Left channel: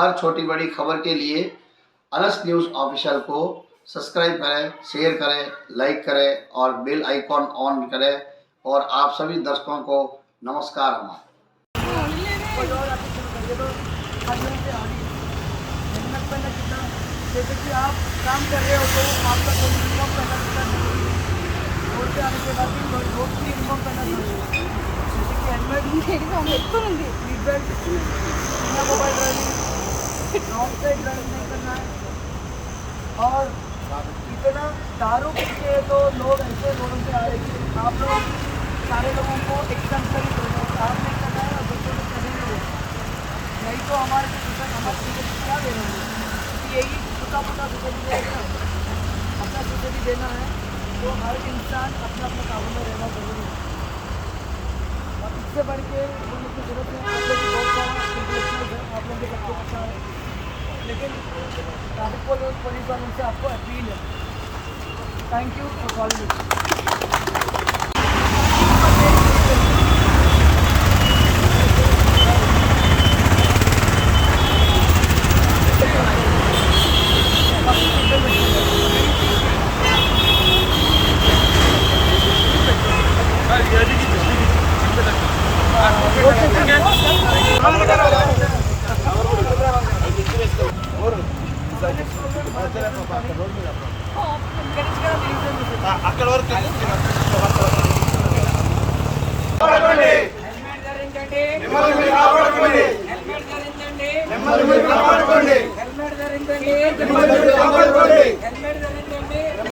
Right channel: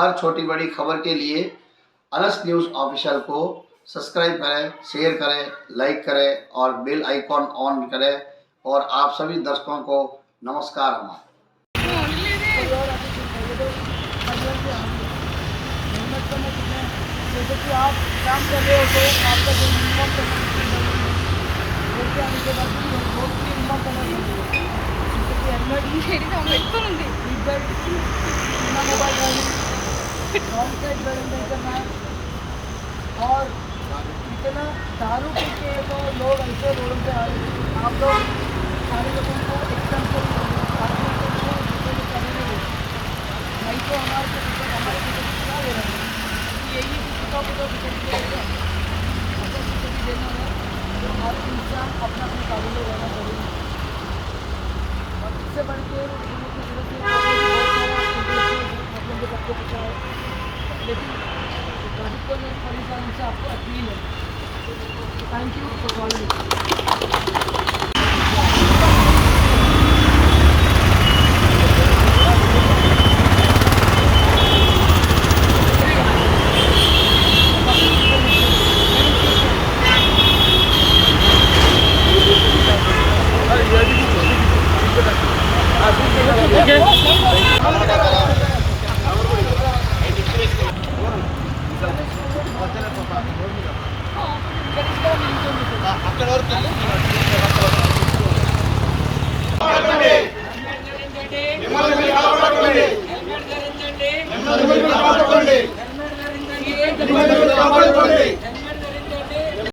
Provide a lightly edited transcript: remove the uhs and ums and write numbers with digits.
हर छोटी बड़ी खबर के लिए अनस न्यूज़ ऑफिशियल को सब्सक्राइब करें, शेयर करें, लाइक करें और बेल आइकॉन ऑन करें। और आप सभी दर्शकों को नमस्कार। कोई और आगे शुरू करेंगे तो हरिओम से आगे हेलमेट पहनना कितना, जैसे कि आप काम कर रहे हो तो आपका जो यूनिफॉर्म पहनना कितना जरूरी है। रोड पे आने के बाद भी रोड की यूनिफॉर्म पहनना जरूरी है, जैसे कि हेलमेट, सीट बेल्ट, बिना mobile driving, wrong side driving नहीं करना है। और इतना दारू पी के तो लोग ऐसे रोडों पे आ रहे हैं, आप लोग सारे लोगों को एक्सम्पलरी बोल रहे हैं कि आप नहीं करना है, दूसरों को कभी नहीं बोलना, नहीं तो हमारे को टिकट हमारे टिकट क्या दे रहे हैं, क्योंकि यही छोटा मोटा टिकट देगा, अपना टिकट देना है। तो हर इंसान अपना अपने काबू में रहना जरूरी है। इससे बढ़ के देने की जरूरत है। आप लोग बहुत सारा इंटेलेक्चुअल है, आप लोग को सबको पता है, लेकिन ट्रैफिक पुलिस वालों से आपको अपील है। Thank you for calling. అక్కడ వరకు కాపాడుకోండి.